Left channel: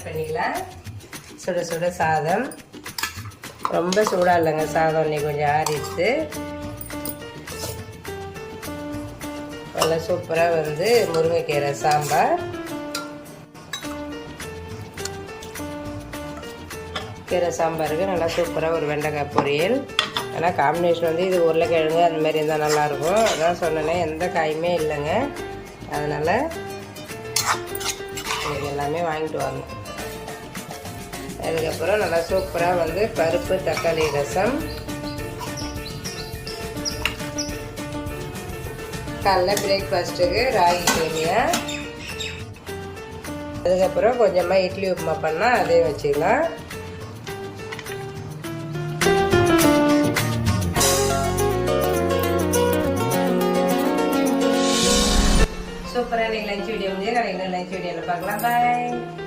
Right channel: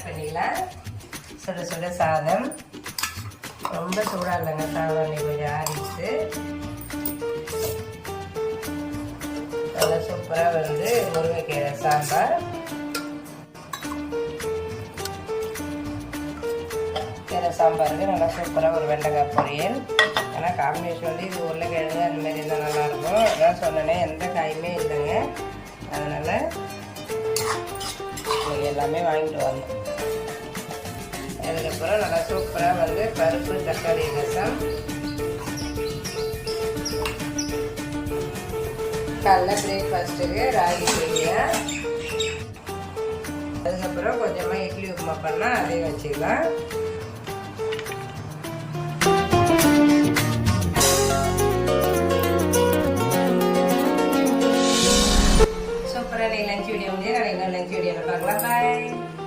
Start பண்ணிடலாம். சுட சுட சாதம், ரொம்ப சூடாக இல்லைங்க சாதம், இன்னைக்கு கொஞ்சம் ஆறிடுச்சு. நல்லா சூப்பராக வந்து முருங்கைக்கீரை சாம்பார், கீரை சாம்பாருக்கு நல்லா சூப்பராக ஒரு வெண்டைக்காய் பொரியல். ஆனால் காம்பினேஷன் வந்து இது உருளைக்கிழங்கு அந்த மாதிரி இருந்தால் நல்லாயிருக்கும். அதான் சொன்னேன், எந்த காயுமே இல்லைங்க, அதனால் எல்லாமே வாங்கிட்டு வாங்க. அதுக்கப்புறம் நல்லா சூப்பராக வந்து பருப்பு தக்காளி ரசம், காலைல பிரேக்ஃபாஸ்ட்டுக்கு ராகி சேமியா. அதுக்கப்புறம் கொஞ்சமாக இட்லி உப்புமா பண்ணால் அதே வச்சுக்கலாம். சூப்பராக நீங்கள் லஞ்ச் வீடியோ வந்து நான் இன்னும் லஞ்ச் வீடியோவில் பார்க்கலாம். பாய்.